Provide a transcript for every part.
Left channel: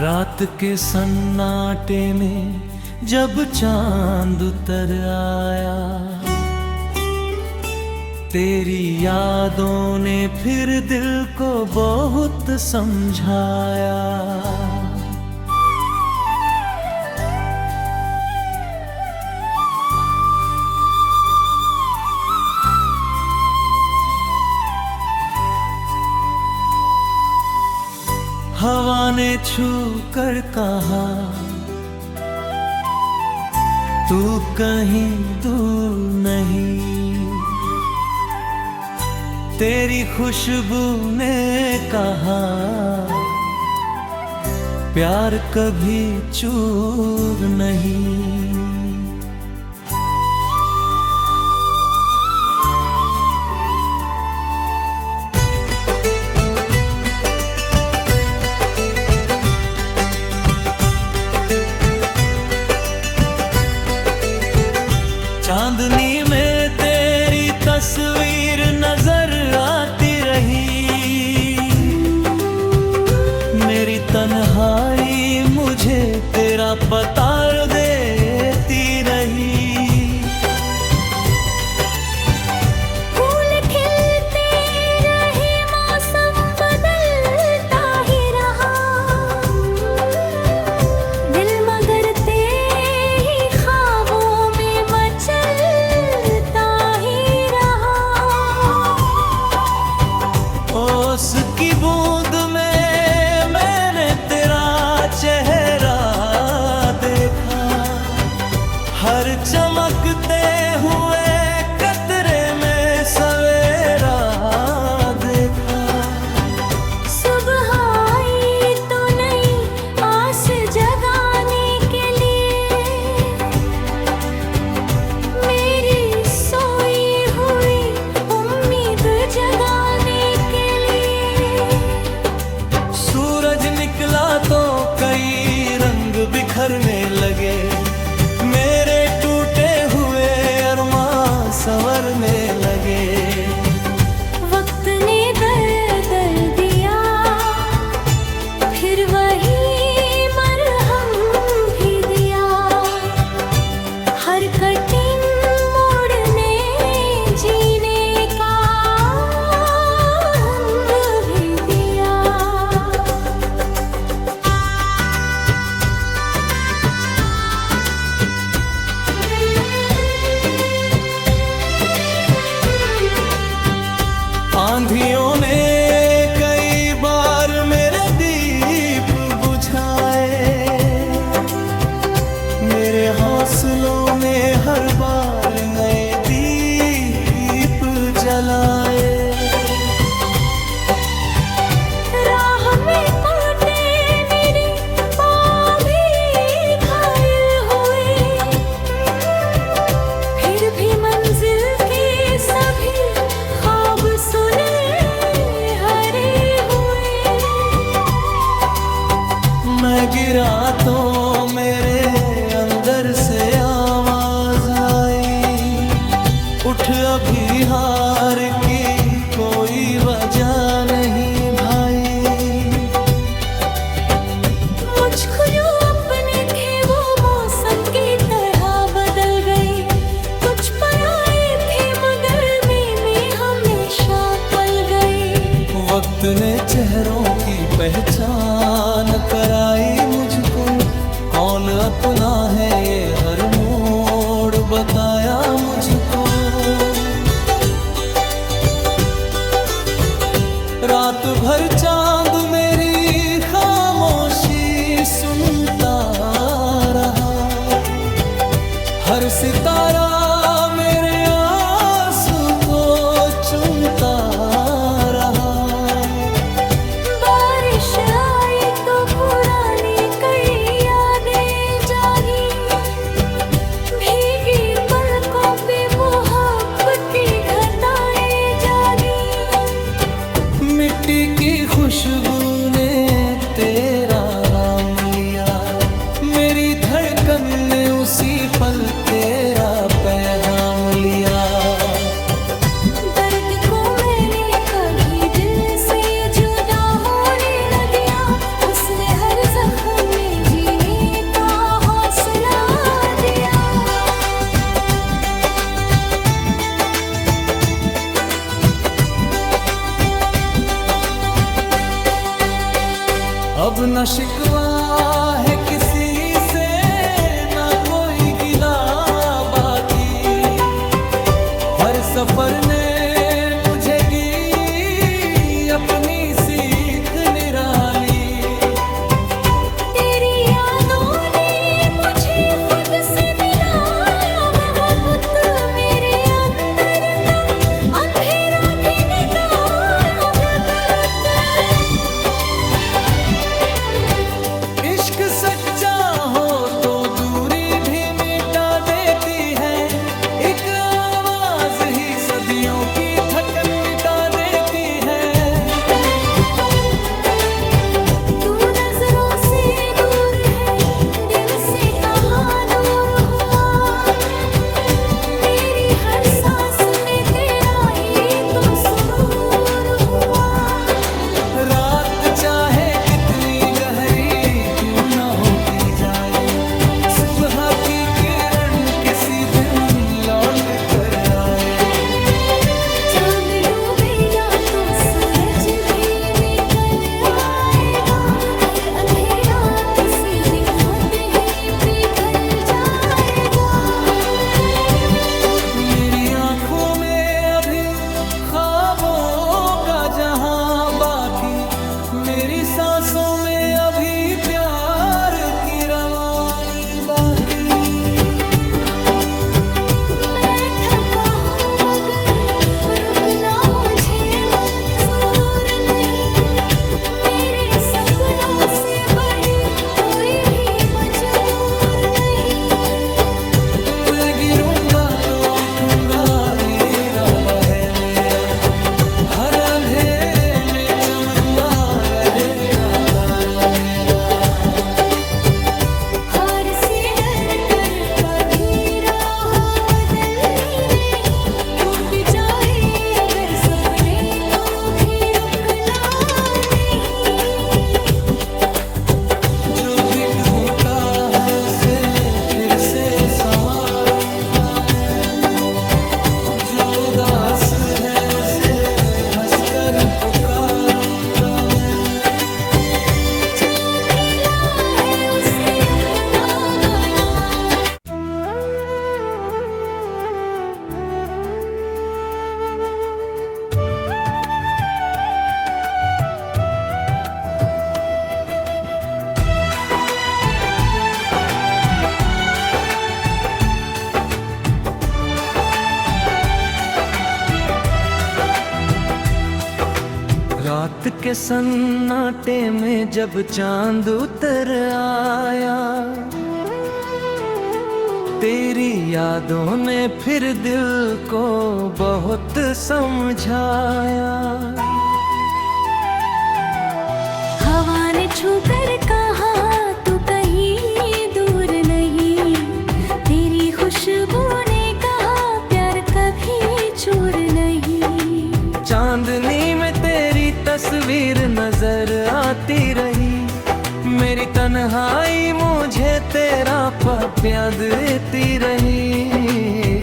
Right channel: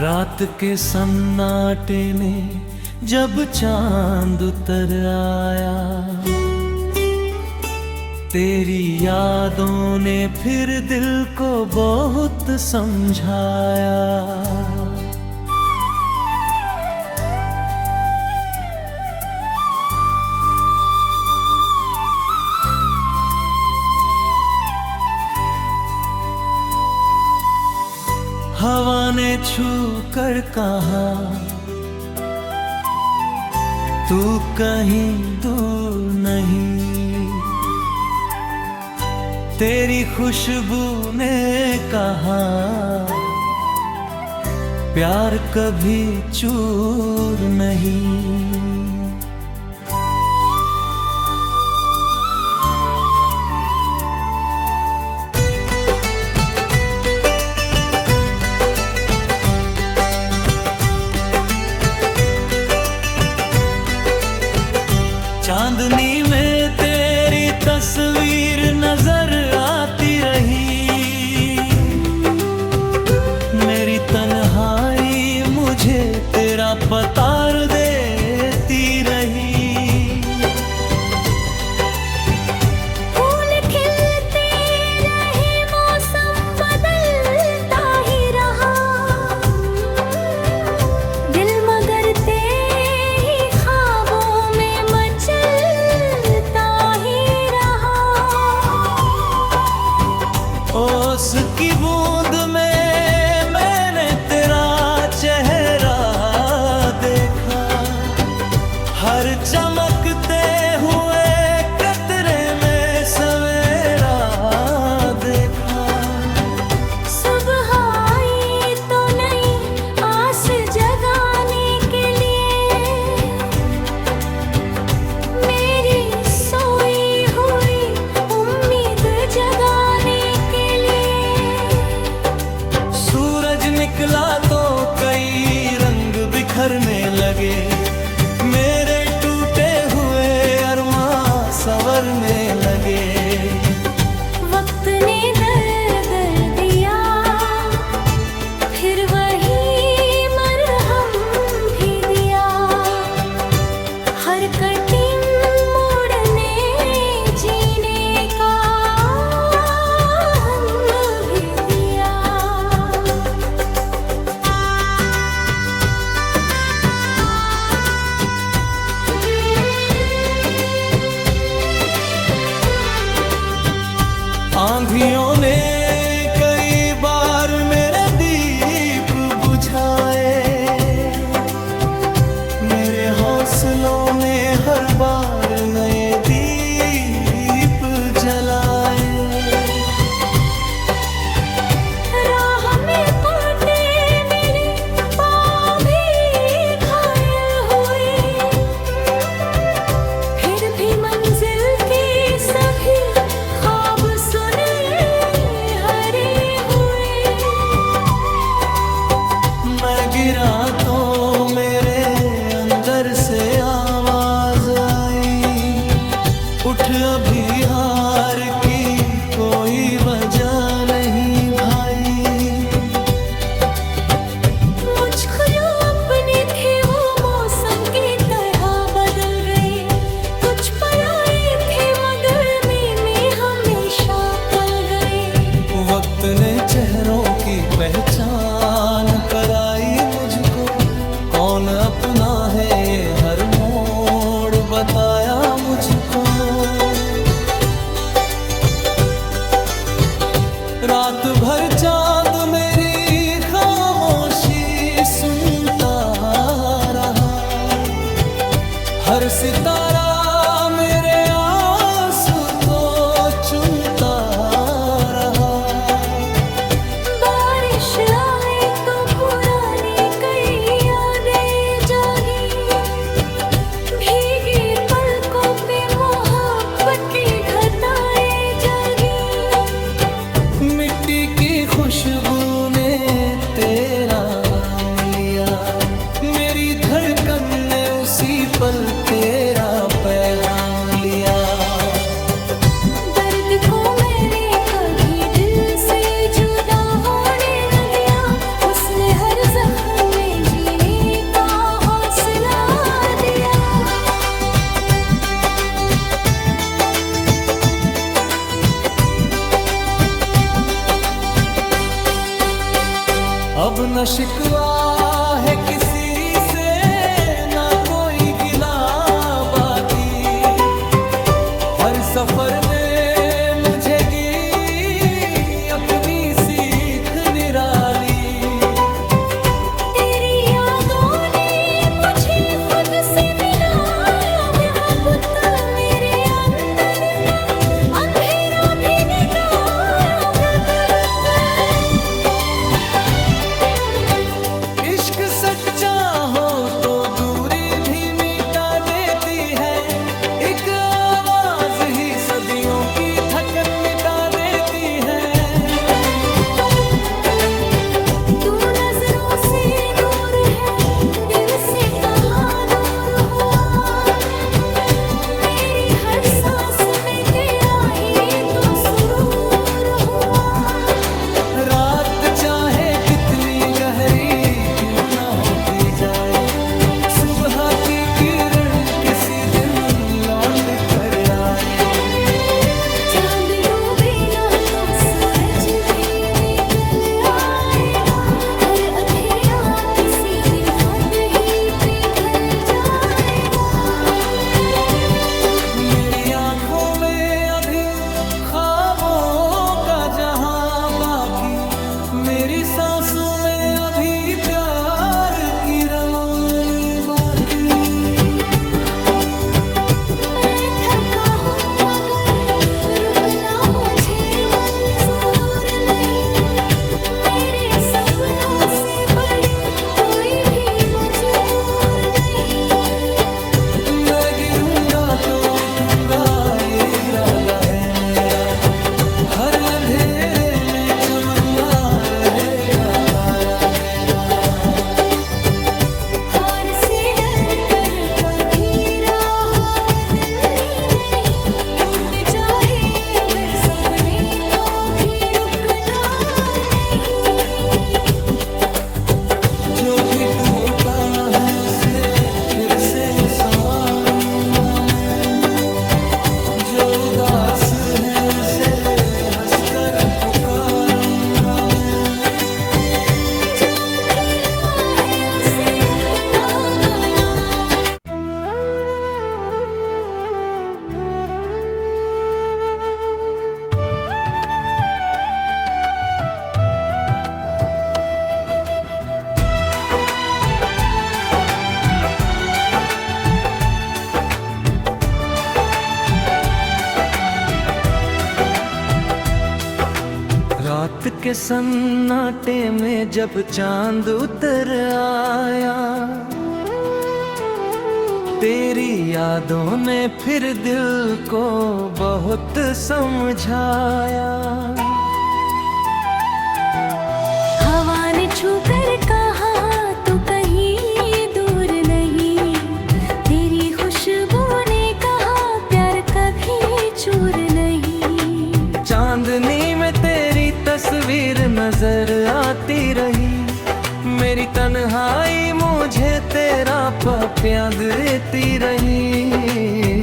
रात के सन्नाटे में जब चांद उतर आया, तेरी यादों ने फिर दिल को बहुत समझाया। हवा ने छू कर कहा, तू कहीं दूर नहीं। तेरी खुशबू ने कहा, प्यार कभी चूर नहीं। चांदनी में तेरी तस्वीर नजर आती रही, मेरी तन्हाई मुझे तेरा पता देती रही। फूल खिलते रहे, मौसम बदलता ही रहा, दिल मगर तेरी ख्वाबों में मचलता ही रहा। ओस की बूंद में मैंने तेरा चेहरा देखा, हर चमकते हुए कतरे में सवेरा देखा। सुबह आई तो नई आस जगाने के लिए, मेरी सोई हुई उम्मीद जगाने के लिए। सूरज निकला तो कई रंग बिखरने लगे, मेरे टूटे हुए अरमां संवरने लगे। वक्त ने दर्द दिया, फिर वही मरहम भी दिया। हर कठिन मोड़ ने जीने का रंग भी दिया। आंधियों ने कई बार मेरे दीप बुझाए, मेरे हौसलों ने हर बार नए दीप जलाए। राह में कांटे मेरे पाँव भी घायल हुए, फिर भी मंजिल के सभी ख्वाब सुने हरे हुए। मैं गिरा तो मेरे अंदर से आवाज आई, उठ अभी हार की कोई वजह नहीं भाई। मुझको जो अपने थे वो मौसम की तरह बदल गए, कुछ पराए थे मगर में हमेशा पल गए। वक्त ने चेहरों की पहचान कराई मुझको, कौन अपना है ये हर मोड़ बताया मुझको। रात भर चांद मेरी खामोशी सुनता रहा, हर सितारा मेरे आंसू को चुनता रहा। बारिश आई तो पुरानी कई यादें जागी, भीगी पलकों पे मोहब्बत की घटाएं जागी। मिट्टी की खुशबू ने तेरा नाम लिया, मेरी धड़कन ने उसी पल तेरा पैगाम लिया। दर्द को मैंने कभी दिल से जुदा होने न दिया, उसने हर जख्म अब न शिकवा है किसी से, ना कोई गिला बाकी। हर सफर ने मुझे गी अपनी सीख निराली। तेरी यादों ने मुझे खुद से मिलाया, मोहब्बत मेरे अंदर का अंधेरा भी निकाला। इश्क सच्चा हो तो दूरी भी मिटा देती है, एक आवाज ही सदियों की थकन मिटा देती है। तू नजरों से दूर है, दिल से कहाँ दूर हुआ। मेरी हर सांस में तेरा ही तो सुरूर हुआ। रात चाहे कितनी गहरी क्यों न होती जाए, सुबह की किरण किसी दिन लौट कर आए। चांद डूबेगा तो सूरज भी निकल आएगा, हर अंधेरा किसी दिन खुद ही पिघल जाएगा। मेरी आंखों में अभी ख्वाबों का जहां बाकी, मेरी सांसों में अभी प्यार की रवानी बाकी। मैं थका हूँ मगर रुकना मुझे मंजूर नहीं। मेरे सपनों से बड़ी कोई भी मजबूर नहीं। मैं गिरूंगा तो उठूंगा ये इरादा है मेरा, हर अंधेरे में चमकता रहेगा तारा मेरा। हार से डर कर कभी राह बदलनी नहीं, टूट जाए अगर सपने तो भी रुकना नहीं। जो भी टूटा है उसे फिर से संवारूंगा मैं, जो उदास है उसे हंसकर पुकारूंगा मैं। जो अकेला है उसे अपना बनाओ। रात के सन्नाटे में जब चांद उतर आया, तेरी यादों ने फिर दिल को बहुत समझाया। हवा ने छू कर कहा तू कहीं दूर नहीं, तेरी खुशबू ने कहा प्यार कभी चूर नहीं। चांदनी में तेरी तस्वीर नजर आती रही, मेरी तन्हाई मुझे तेरा पाप याद देती रही।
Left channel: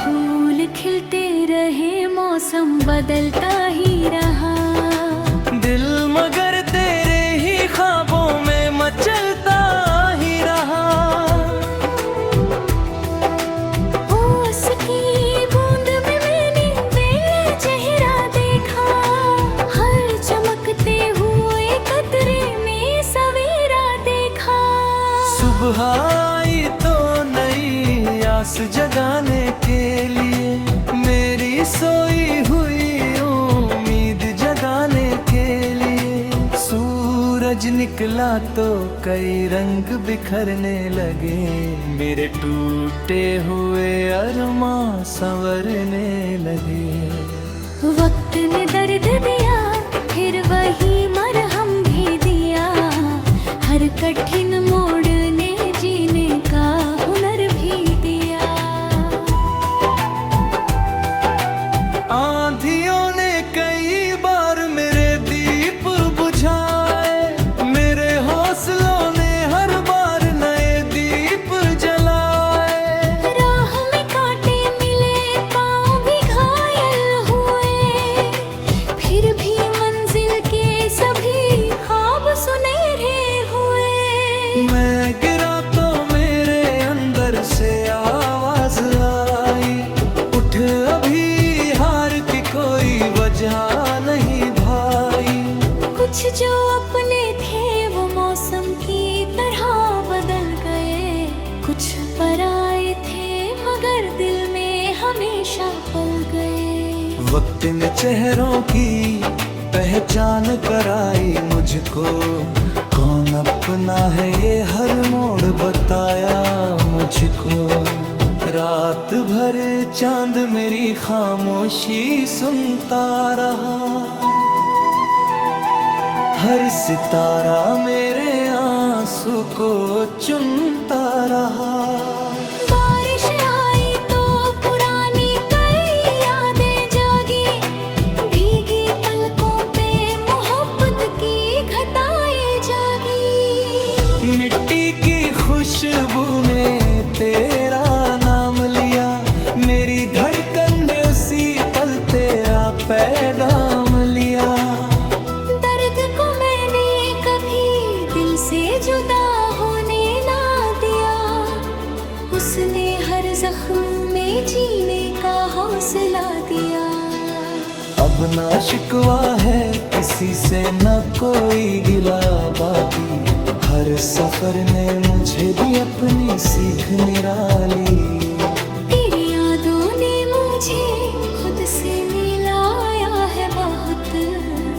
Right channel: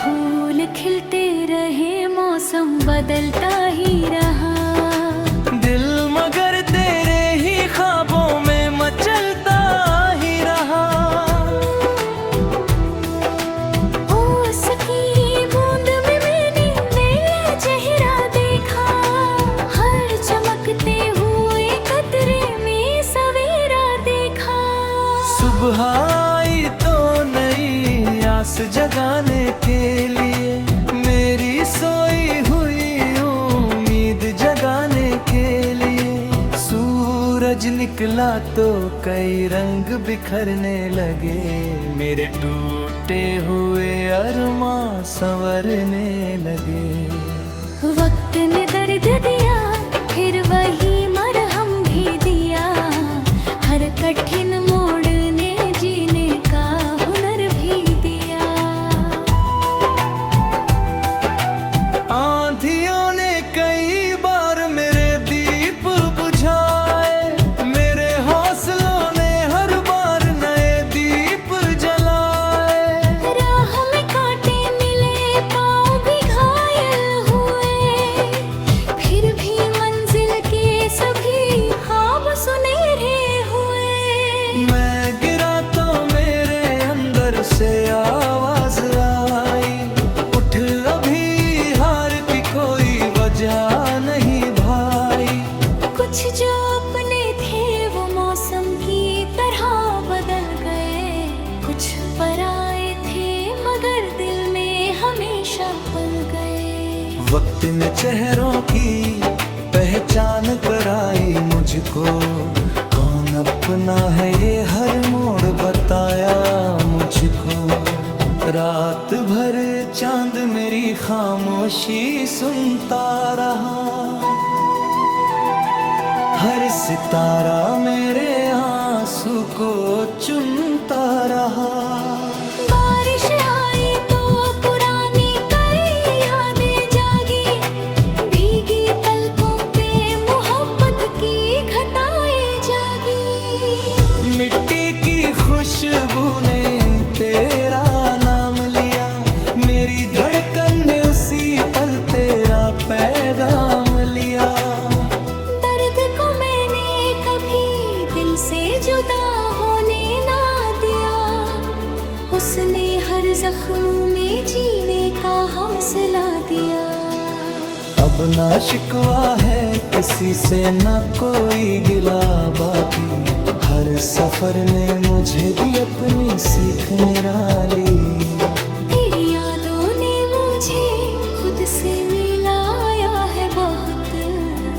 फूल खिलते रहे मौसम बदलता ही रहा, दिल मगर तेरे ही ख्वाबों में मचलता ही रहा। उसकी बूंद में मैंने मेरा चेहरा देखा, हर चमकते हुए कतरे में सवेरा देखा। सुबह आई तो नई आस जगाने के लिए, मेरी सोई हुई उम्मीद जगाने के लिए। सूरज निकला तो कई रंग बिखरने लगे, मेरे टूटे हुए अरमां संवरने लगे। वक्त ने दर्द दिया फिर वही मरहम भी दिया, हर कठिन मोड़ ने जीने का हुनर भी दिया। आंधियों ने कई बार मेरे दीप बुझाए, मेरे हौसलों ने हर बार नए दीप जलाए। राह में कांटे मिले पाँव भी घायल हुए, फिर भी मंजिल के सभी ख्वाब सुनहरे हुए। मैं गिरा तो मेरे अंदर से आवाज आई, उठ अभी हार की कोई वजह नहीं भाई। कुछ जो अपने थे वो मौसम की तरह बदल गए, कुछ पराए थे मगर दिल में हमेशा पल गए। वक्त ने चेहरों की पहचान कराई मुझको, कौन अपना है ये हर मोड़ बताया मुझको। रात भर चांद मेरी खामोशी सुनता रहा, हर सितारा मेरे आंसू को चुनता रहा। बारिश आई तो पुरानी कई यादें जागी, भीगी पलकों पे मोहब्बत की घटाएं जागी। मिट्टी की खुशबू ने तेरा नाम लिया, मेरी धड़कन ने उसी पल तेरा पैगाम लिया। दर्द को मैंने कभी दिल से जुदा होने ना दिया, उसने हर जख्म में जीने का हौसला दिया। अब ना शिकवा है किसी से न कोई गिला बाकी, हर सफर ने मुझे दी अपनी सीख निराली। तेरी यादों ने मुझे खुद से मिलाया है बहुत,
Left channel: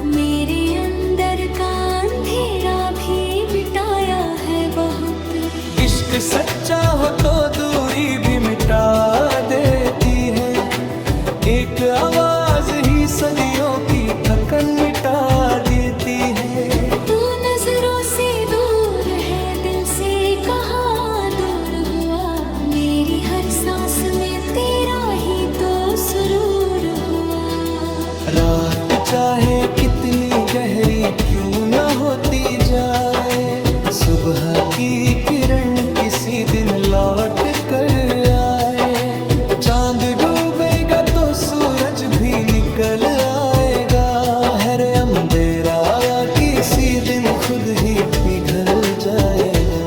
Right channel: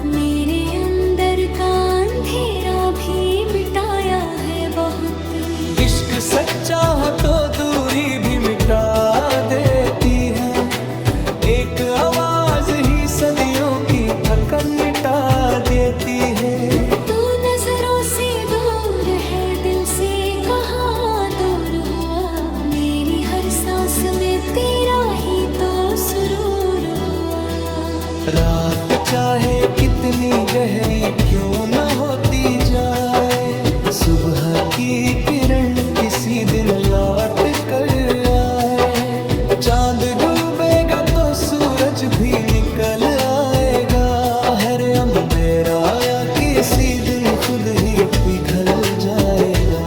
मेरे अंदर का अंधेरा भी मिटाया है बहुत। इश्क सच्चा हो तो दूरी भी मिटा देती है, एक आवाज ही सदियों की थकन मिटा देती है। तू नजरों से दूर है, दिल से कहाँ दूर हुआ, मेरी हर सांस में तेरा ही तो सुरूर हुआ। रात चाहे कितनी गहरी क्यों न होती जाए, सुबह की किरण किसी दिन लौट कर आए। चांद डूबेगा तो सूरज भी निकल आएगा, हर अंधेरा या किसी दिन खुद ही पिघल जाएगा।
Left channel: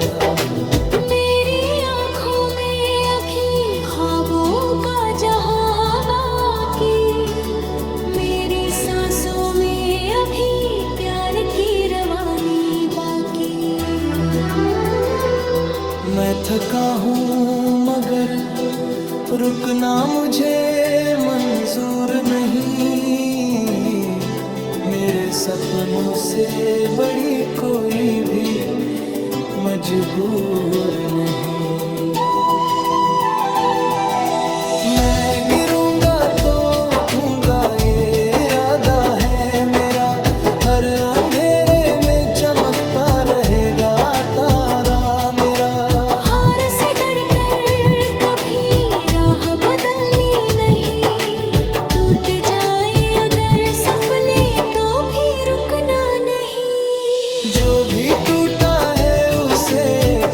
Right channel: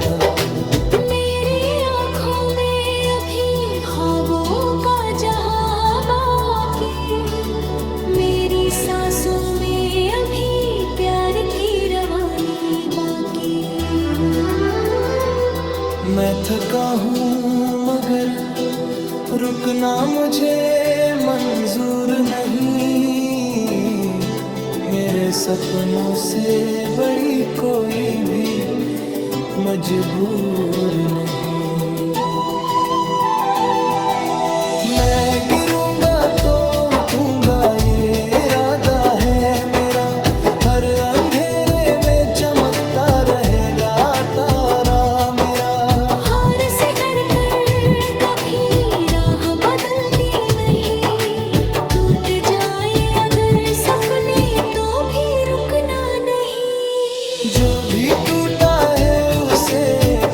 मेरी आँखों में अभी ख्वाबों का जहां बाकी, मेरी सांसों में अभी प्यार की रवानी बाकी। मैं थका हूँ मगर रुकना मुझे मंजूर नहीं, मेरे सपनों से बड़ी कोई भी मजबूर नहीं। मैं गिरूंगा तो उठूंगा ये इरादा है मेरा, हर अंधेरे में चमकता रहेगा तारा मेरा। हार से डर कर कभी राह बदलनी नहीं, टूट जाए अगर सपने तो भी रुकना नहीं। जो भी टूटा है उसे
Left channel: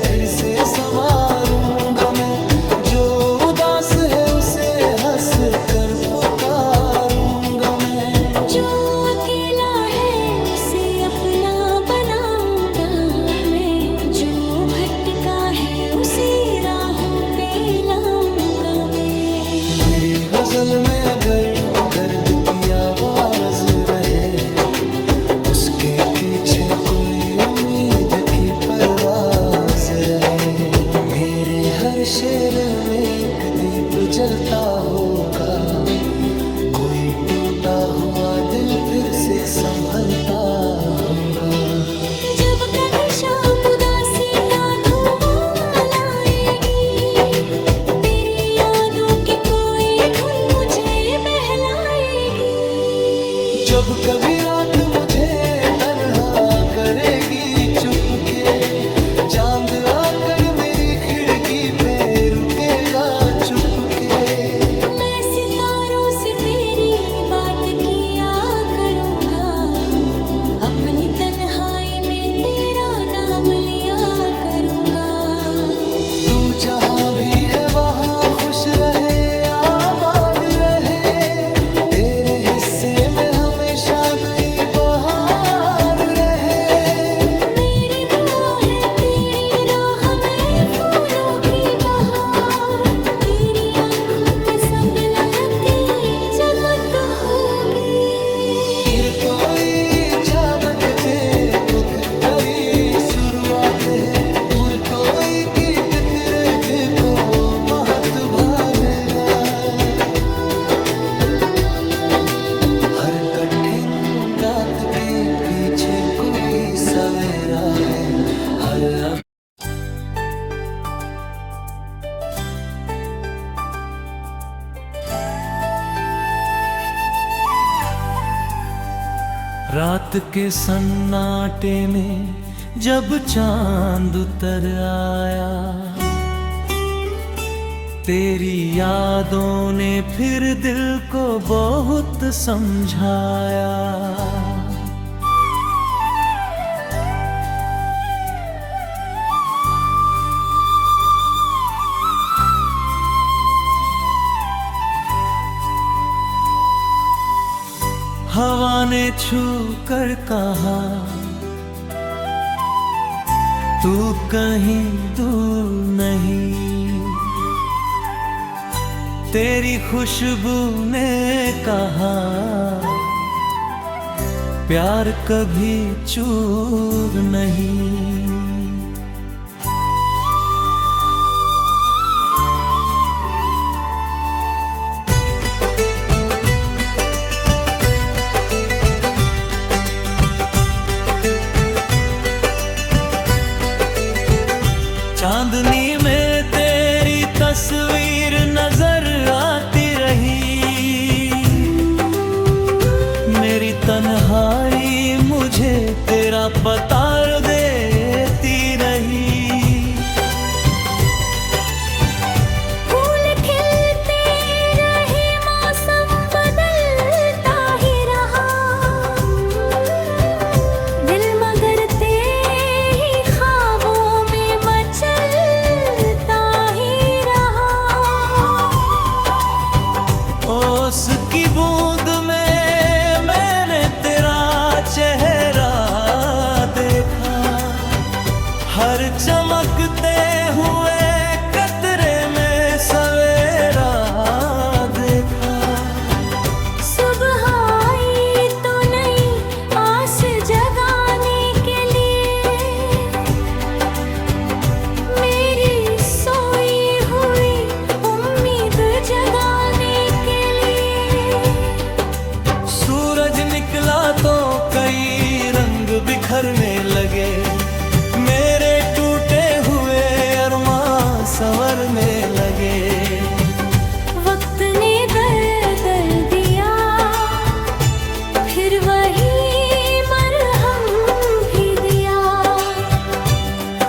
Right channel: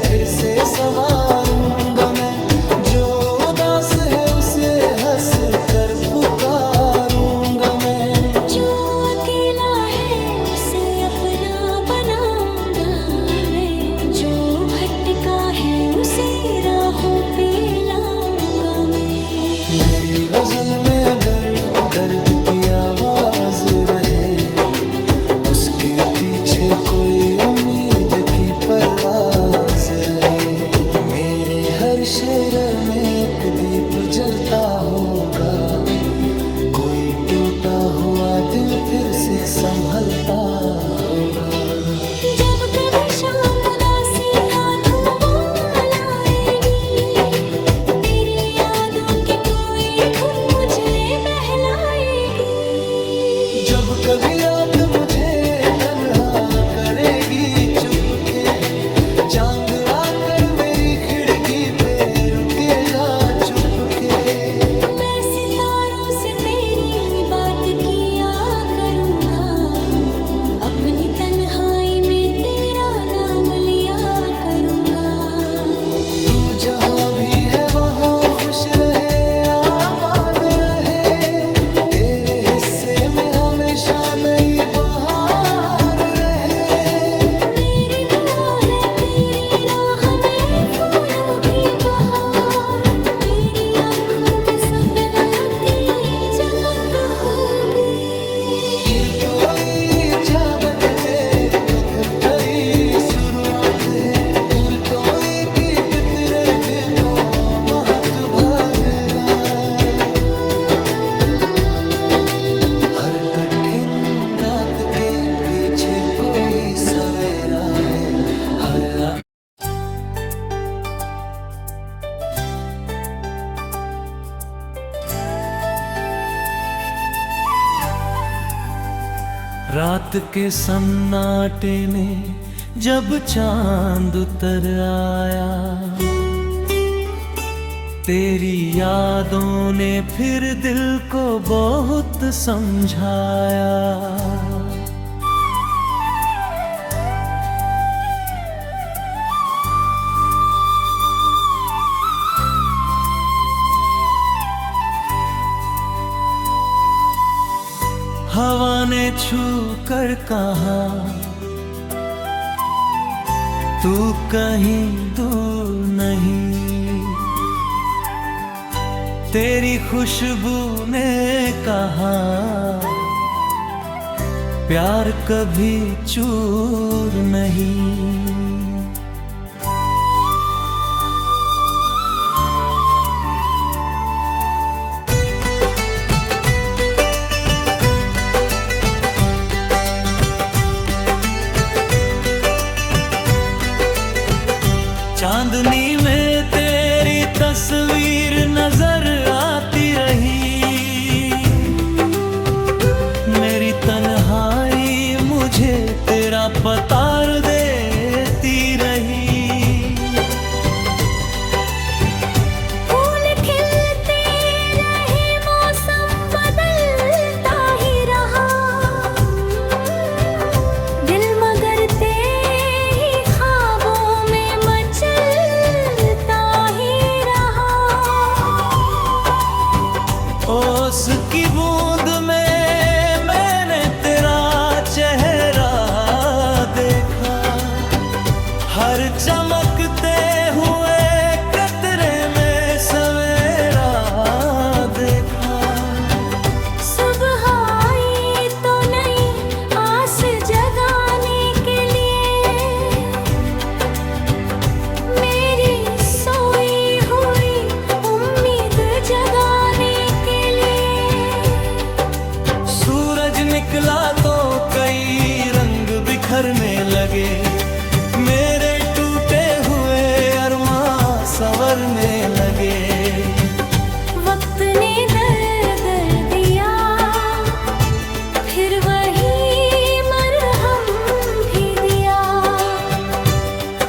फिर से संवारूंगा मैं, जो उदास है उसे हंस कर पुकारूंगा मैं। जो अकेला है उसे अपना बनाऊंगा मैं, जो भटका है उसे राहों पे लाऊंगा मैं। मेरी गजल में अगर दर्द की आवाज रहे, उसके पीछे कोई उम्मीद की परवाज रहे। मेरे हर शेर में एक दीप जलता होगा, कोई टूटा हुआ दिल फिर से संभलता होगा। जब कभी शाम उदासी का धुआं लाएगी, तेरी यादों की कोई धुन मुझे बहलाएगी। जब कभी रात मुझे तन्हा करेगी चुपके, चांद आकर मेरी खिड़की पे रुकेगा चुपके। मैं सितारों से तेरी बात किया करूँगा, अपनी तन्हाई में तेरा नाम लिया करूँगा। तू जहाँ भी है वहाँ खुश रहे आबाद रहे, तेरे हिस्से में हमेशा नई बहार स्वागत तेरे खुद करी शुरुआत है पुर कोई गीत तेरे दिल को महत भादेगा हर कठिन रात के पीछे कोई सवेरा है हर रात के सन्नाटे में जब चांद उतर आया तेरी यादों ने फिर दिल को बहुत समझाया हवा ने छू कर कहा तू कहीं दूर नहीं तेरी खुशबू ने कहा प्यार कभी चूर नहीं चांदनी में तेरी तस्वीर नजर आती रही मेरी तन्हाई मुझे तेरा पता देती रही फूल खिलते रहे मौसम बदलता ही रहा दिल मगर तेरी ख्वाबों में मचलता ही रहा ओस की बूंद में मैंने तेरा चेहरा देखा हर चमकते हुए कतरे में सवेरा देखा सुबह आई तो नई आस जगाने के लिए मेरी सोई हुई उम्मीद जगाने के लिए सूरज निकला तो कई रंग बिखरने लगे मेरे टूटे हुए अरमां संवरने लगे वक्त ने दर्द दिया फिर वही मरहम भी दिया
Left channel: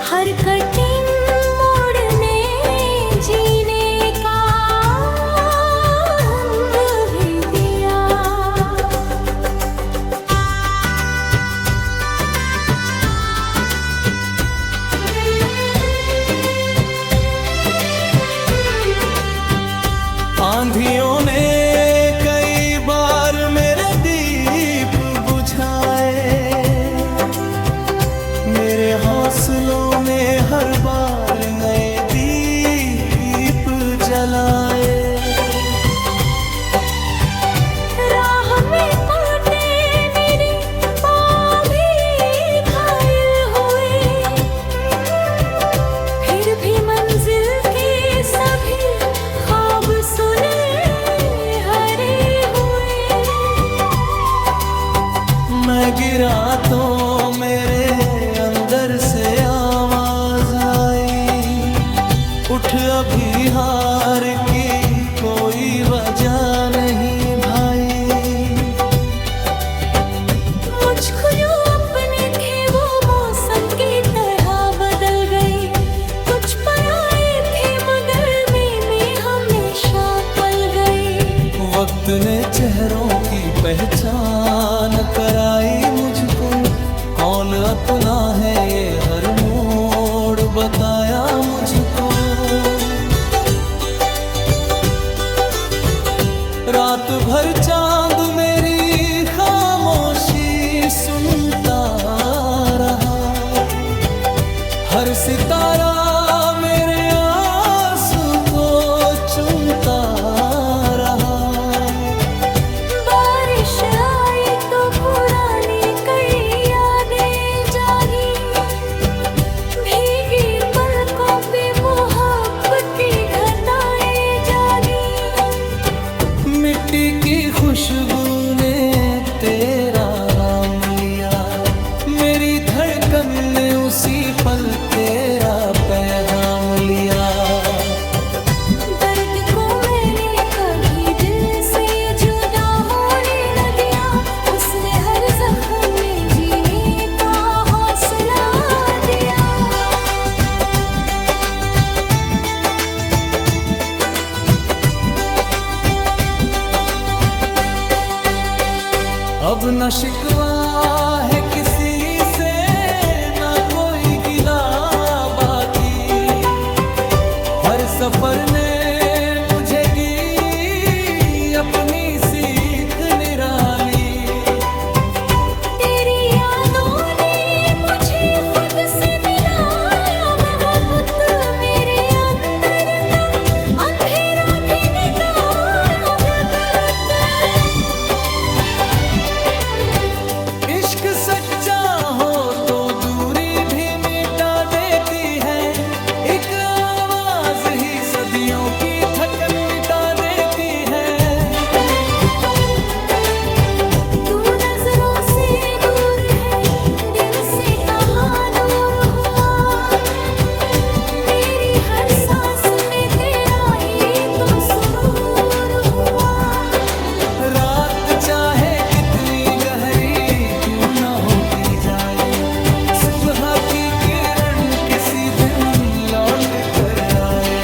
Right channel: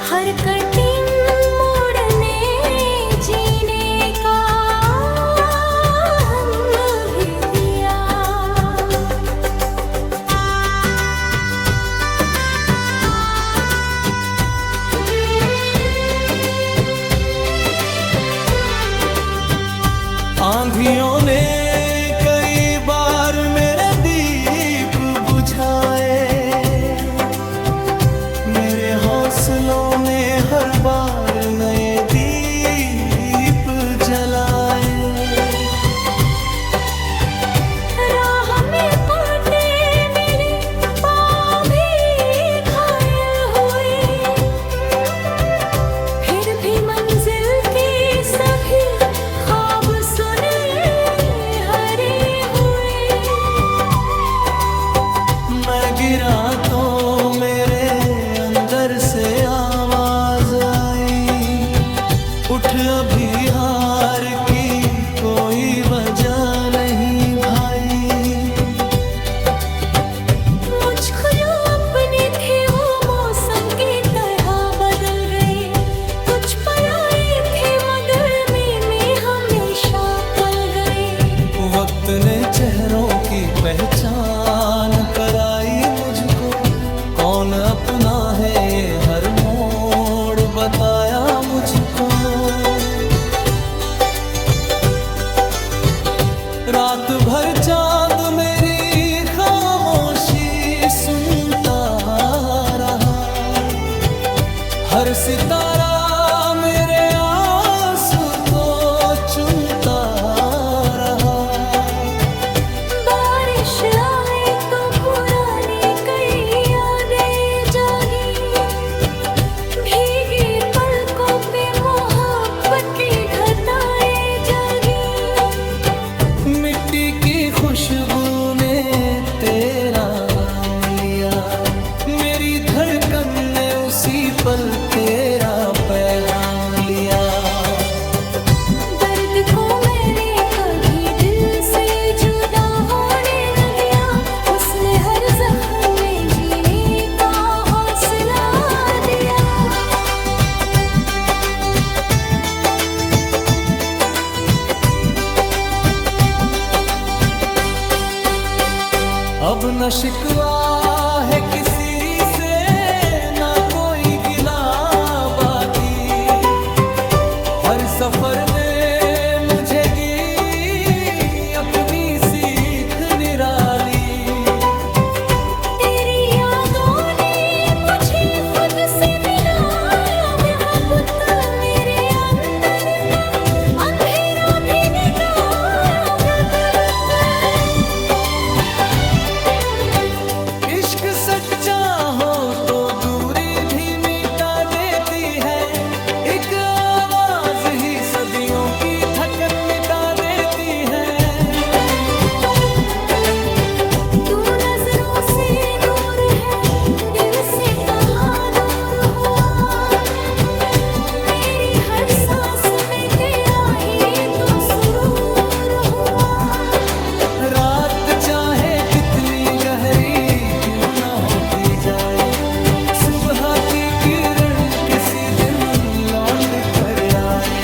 हर कठिन मोड़ ने जीने का रंग भी दिया आंधियों ने कई बार मेरे दीप बुझाए मेरे हौसलों ने हर बार नए दीप जलाए राह में कांटे मेरे पाँव भी घायल हुए फिर भी मंजिल के सभी ख्वाब सुने हरे हुए मैं गिरा तो मेरे अंदर से आवाज आई उठ अभी हार की कोई वजह नहीं भाई मुझको जो अपने थे वो मौसम की तरह बदल गए कुछ पराए थे मगर में हमेशा पल गए वक्त ने चेहरों की पहचान कराई मुझको कौन अपना है ये हर मोड़ बताया मुझको रात भर चांद मेरी खामोशी सुनता रहा हर सितारा मेरे आंसू को चुनता रहा बारिश आई तो पुरानी कई खुशबू ने तेरा नाम लिया, मेरी धड़कन ने उसी पल तेरा पैगाम लिया। दर्द को मैंने कभी दिल से जुदा होने न दिया, उसने हर जख्म में जीने का हौसला दिया। अब न शिकवा है किसी से, ना कोई गिला बाकी, हर सफर ने मुझे दी अपनी सीख निराली। तेरी यादों ने मुझे खुद से मिलाया, मोहब्बत मेरे अंदर का अंधेरा भी निकाला। इश्क सच्चा हो तो दूरी भी मिटा देती है, एक आवाज ही सदियों की थकन मिटा देती है। तू नजरों से दूर है, दिल से कहाँ दूर हुआ, मेरी हर सांस में तेरा ही तो सुरूर हुआ। रात चाहे कितनी गहरी क्यों ना होती जाए, सुबह की किरण किसी दिन लौट कर आए।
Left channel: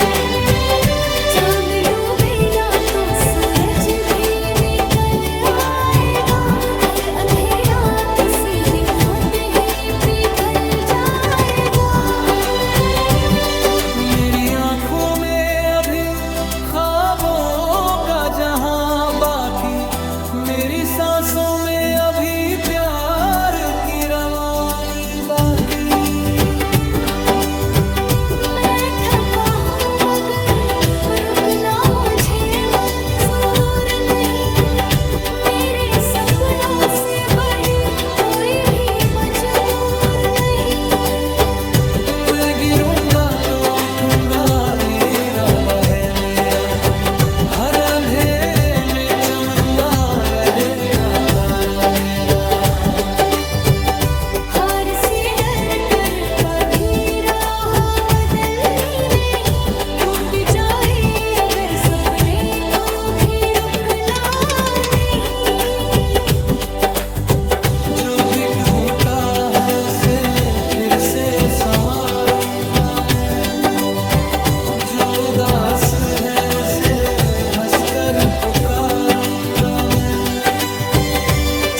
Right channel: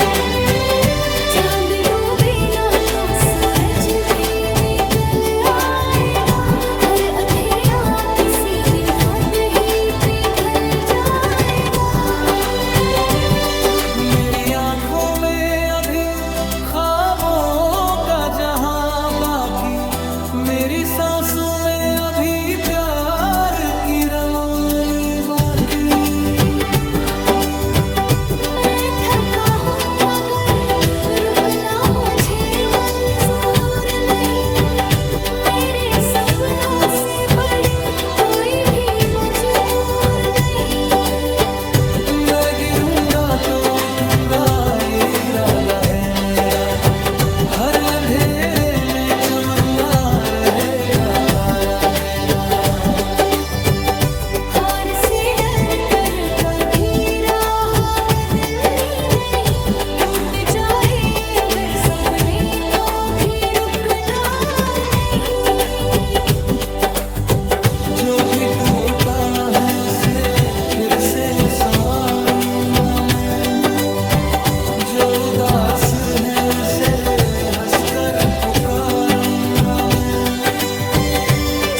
चांद डूबेगा तो सूरज भी निकल आएगा, हर अंधेरा किसी दिन खुद ही पिघल जाएगा। मेरी आंखों में अभी ख्वाबों का जहां बाकी, मेरी सांसों में अभी प्यार की रवानी बाकी। मैं थका हूँ मगर रुकना मुझे मंजूर नहीं, मेरे सपनों से बड़ी कोई भी मजबूर नहीं। मैं गिरूंगा तो उठूंगा ये इरादा है मेरा, हर अंधेरे में चमकता रहेगा तारा मेरा। हार से डर कर कभी राह बदलनी नहीं, टूट जाए अगर सपने तो भी रुकना नहीं। जो भी टूटा है उसे फिर से संवारूंगा मैं, जो उदास है उसे हंसकर पुकारूंगा मैं,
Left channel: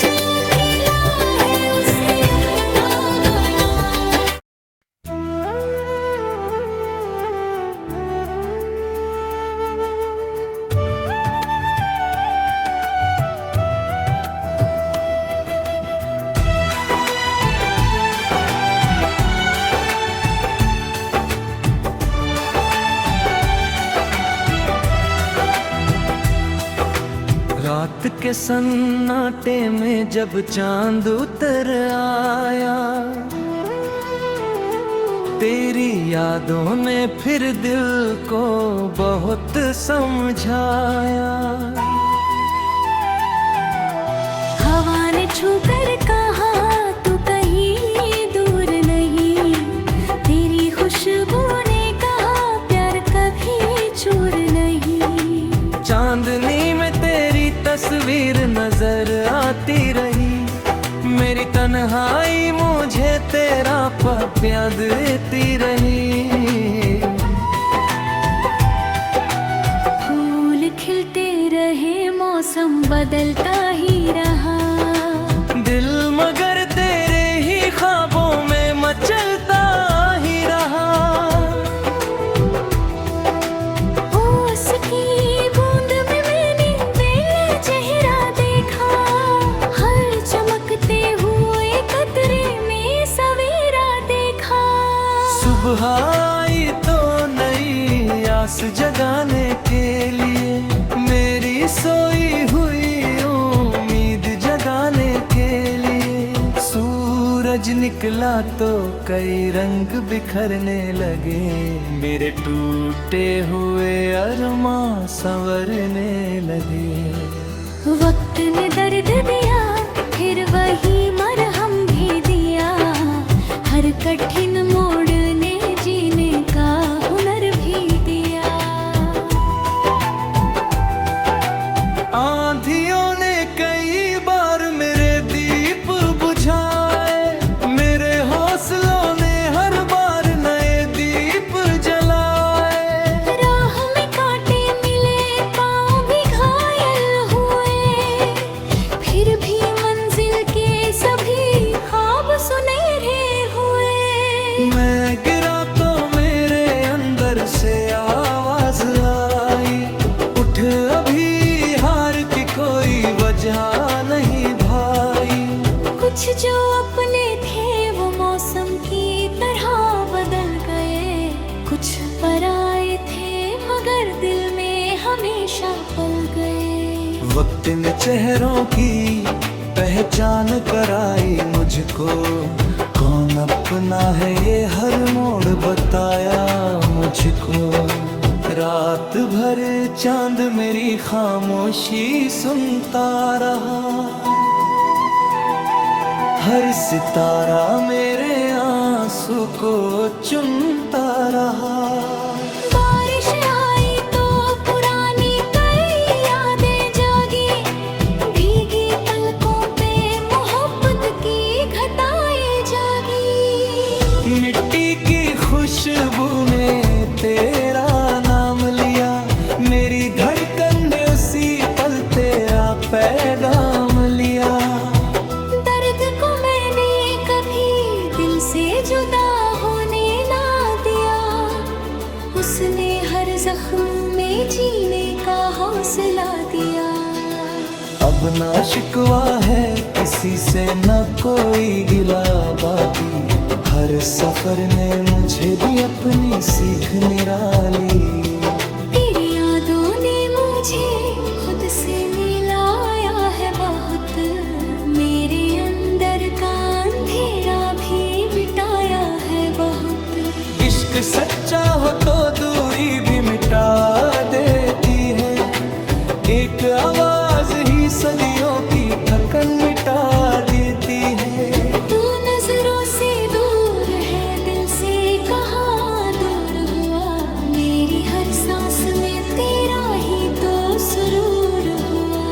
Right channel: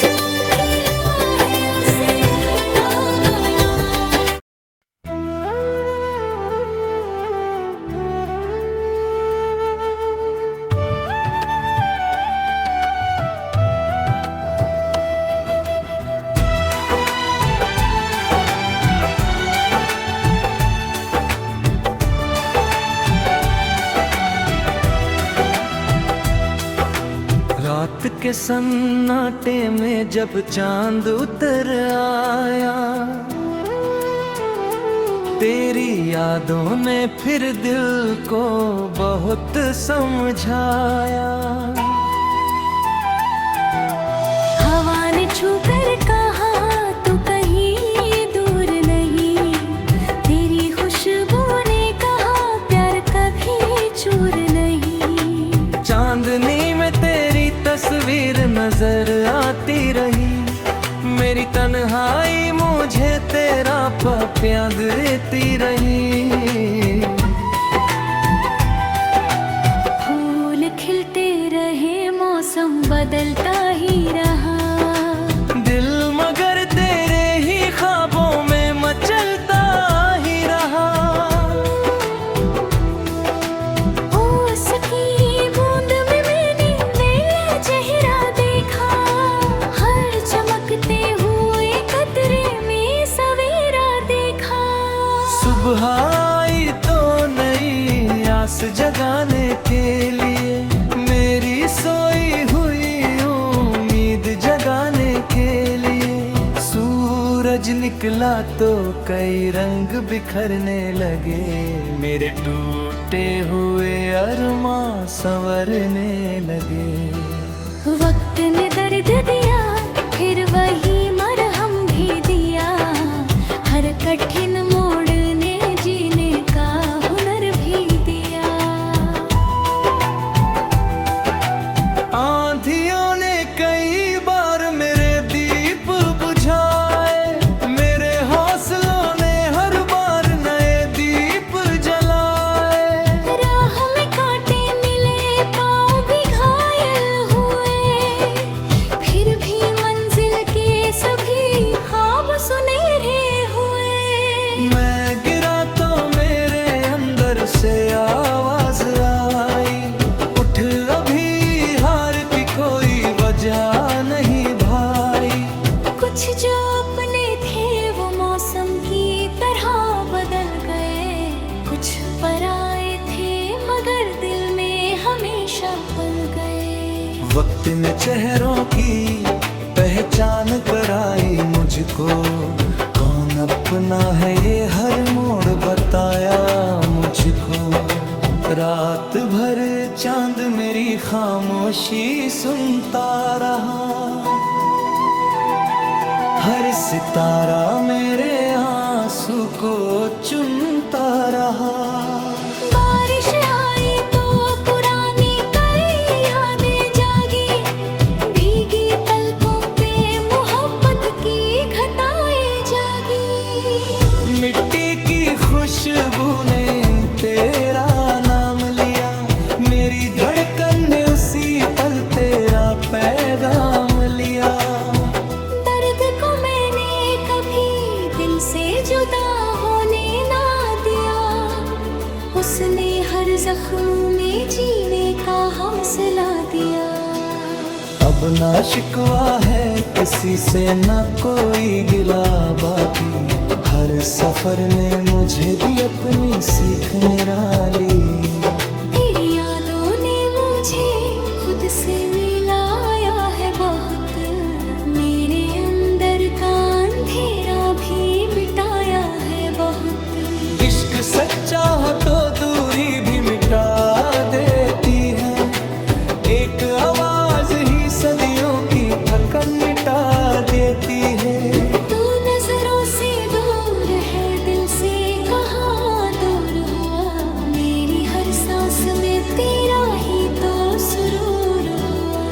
जो अकेला है उसे अपना बनाऊं। रात के सन्नाटे में जब चांद उतर आया, तेरी यादों ने फिर दिल को बहुत समझाया। हवा ने छू कर कहा तू कहीं दूर नहीं, तेरी खुशबू ने कहा प्यार कभी चूर नहीं। चांदनी में तेरी तस्वीर नजर आती रही, मेरी तन्हाई मुझे तेरा प्यार देती रही। फूल खिलते रहे मौसम बदलता ही रहा, दिल मगर तेरे ही ख्वाबों में मचलता ही रहा। उसकी बूंद में मैंने मेरा चेहरा देखा, हर चमकते हुए कतरे में सवेरा देखा। सुबह आई तो नई आस जगाने के लिए, मेरी सोई हुई उम्मीद जगाने के लिए। सूरज निकला तो कई रंग बिखरने लगे, मेरे टूटे हुए अरमां संवरने लगे। वक्त ने दर्द दिया, फिर वही मरहम भी दिया। हर कठिन मोड़ ने जीने का हुनर भी दिया। आंधियों ने कई बार मेरे दीप बुझाए, मेरे हौसलों ने हर बार नए दीप जलाए। राह में कांटे मिले, पाँव भी घायल हुए, फिर भी मंजिल के सभी ख्वाब सुनहरे हुए। मैं गिरा तो मेरे अंदर से आवाज आई, उठ अभी हार की कोई वजह नहीं भाई। कुछ जो अपने थे वो मौसम की तरह बदल गए, कुछ पराए थे मगर दिल में हमेशा पल गए। वक्त ने चेहरों की पहचान कराई मुझको, कौन अपना है ये हर मोड़ बताया मुझको। रात भर चांद मेरी खामोशी सुनता रहा, हर सितारा मेरे आंसू को चुनता रहा। बारिश आई तो पुरानी कई यादें जागी, भीगी पलकों पे मोहब्बत की घटाएं जागी। मिट्टी की खुशबू ने तेरा नाम लिया, मेरी धड़कन ने उसी पल तेरा पैगाम लिया। दर्द को मैंने कभी दिल से जुदा होने ना दिया, उसने हर जख्म में जीने का हौसला दिया। अब ना शिकवा है किसी से ना कोई गिला बाकी, हर सफर ने मुझे दी अपनी सीख निराली। तेरी यादों ने मुझे खुद से मिलाया है बहुत, मेरे अंदर का अंधेरा भी मिटाया है बहुत। इश्क सच्चा हो तो दूरी भी मिटा देती है, एक आवाज ही सदियों की थकन मिटा देती है। तू नजरों से दूर है, दिल से कहाँ दूर हुआ, मेरी हर सांस में तेरा ही तो सुरूर हुआ।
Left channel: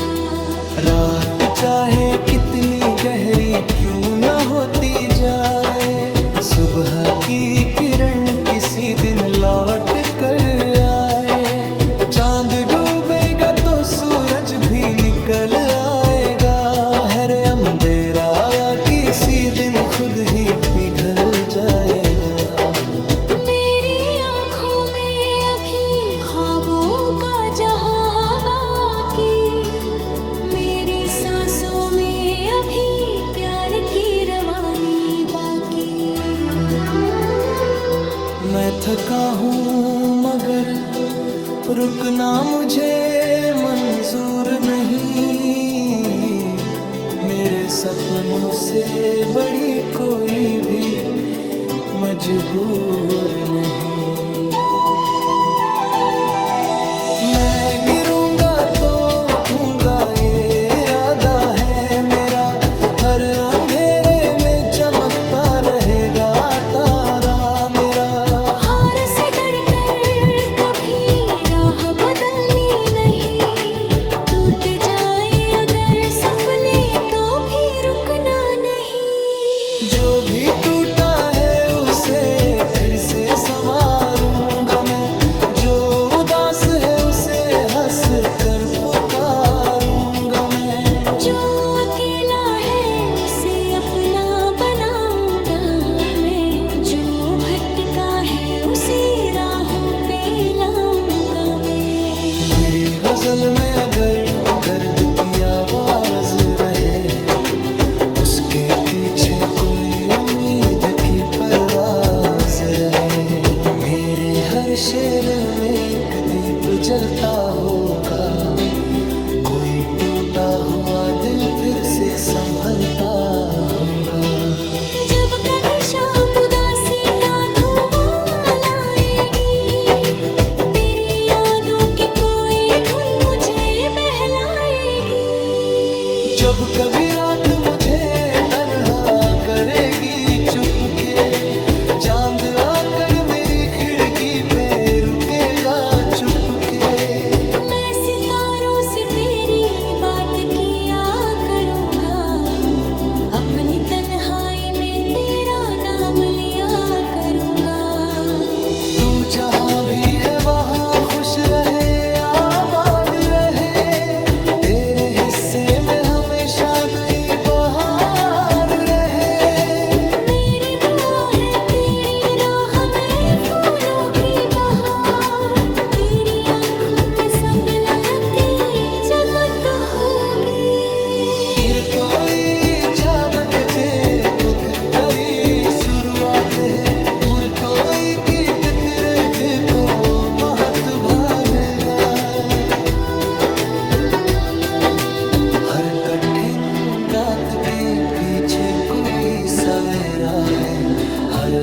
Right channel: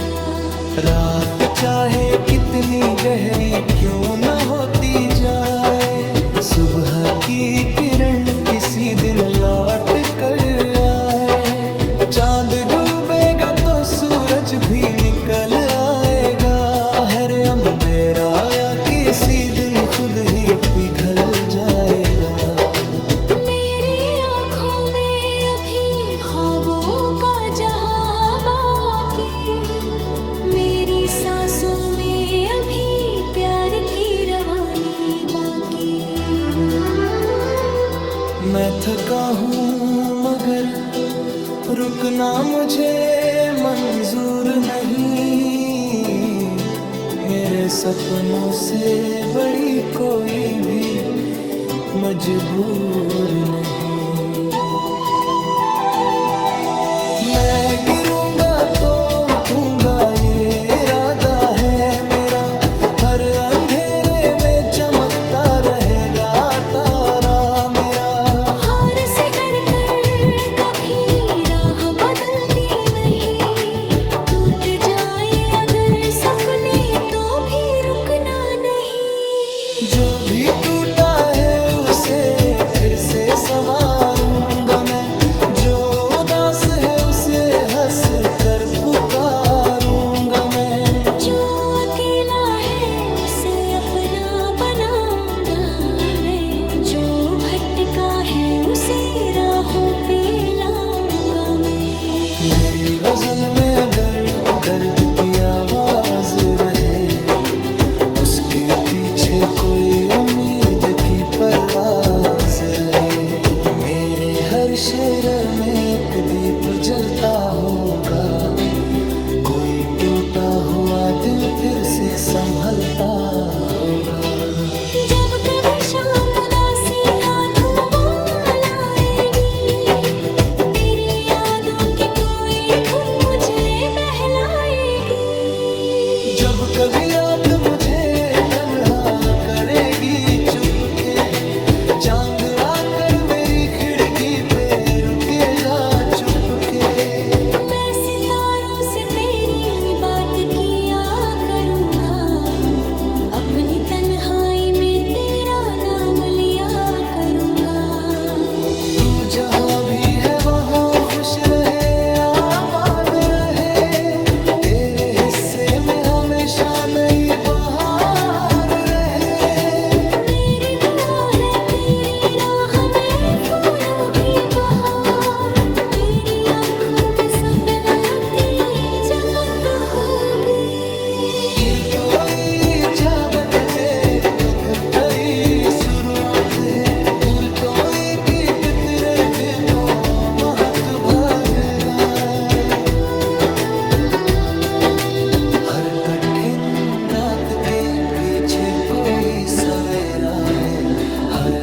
रात चाहे कितनी गहरी क्यों न होती जाए, सुबह की किरण किसी दिन लौट कर आए। चांद डूबेगा तो सूरज भी निकल आएगा, हर अंधेरा या किसी दिन खुद ही पिघल जाएगा। मेरी आँखों में अभी ख्वाबों का जहां बाकी, मेरी सांसों में अभी प्यार की रवानी बाकी। मैं थका हूँ मगर रुकना मुझे मंजूर नहीं, मेरे सपनों से बड़ी कोई भी मजबूर नहीं। मैं गिरूंगा तो उठूंगा ये इरादा है मेरा, हर अंधेरे में चमकता रहेगा तारा मेरा। हार से डरकर कभी राह बदलनी नहीं, टूट जाए अगर सपने तो भी रुकना नहीं। जो भी टूटा है उसे फिर से संवारूंगा मैं, जो उदास है उसे हंस कर पुकारूंगा मैं। जो अकेला है उसे अपना बनाऊंगा मैं, जो भटका है उसे राहों पे लाऊंगा मैं। मेरी गजल में अगर दर्द की आवाज रहे, उसके पीछे कोई उम्मीद की परवाज रहे। मेरे हर शेर में एक दीप जलता होगा, कोई टूटा हुआ दिल फिर से संभलता होगा। जब कभी शाम उदासी का धुआं लाएगी, तेरी यादों की कोई धुन मुझे बहलाएगी। जब कभी रात मुझे तन्हा करेगी चुपके, चांद आकर मेरी खिड़की पे रुकेगा चुपके। मैं सितारों से तेरी बात किया करूँगा, अपनी तन्हाई में तेरा नाम लिया करूँगा। तू जहाँ भी है वहाँ खुश रहे, आबाद रहे, तेरे हिस्से में हमेशा नई बहार रहे। मेरी दुआ है तेरी राह में फूलों की बहार, तेरी आँखों में सपनों की चमक होगी। कोई जाबकते खुद करी शुरुआत है, पुर कोई कीट तेरे दिल को महत भागेगा। हर कठिन रात के पीछे कोई सवेरा है, हर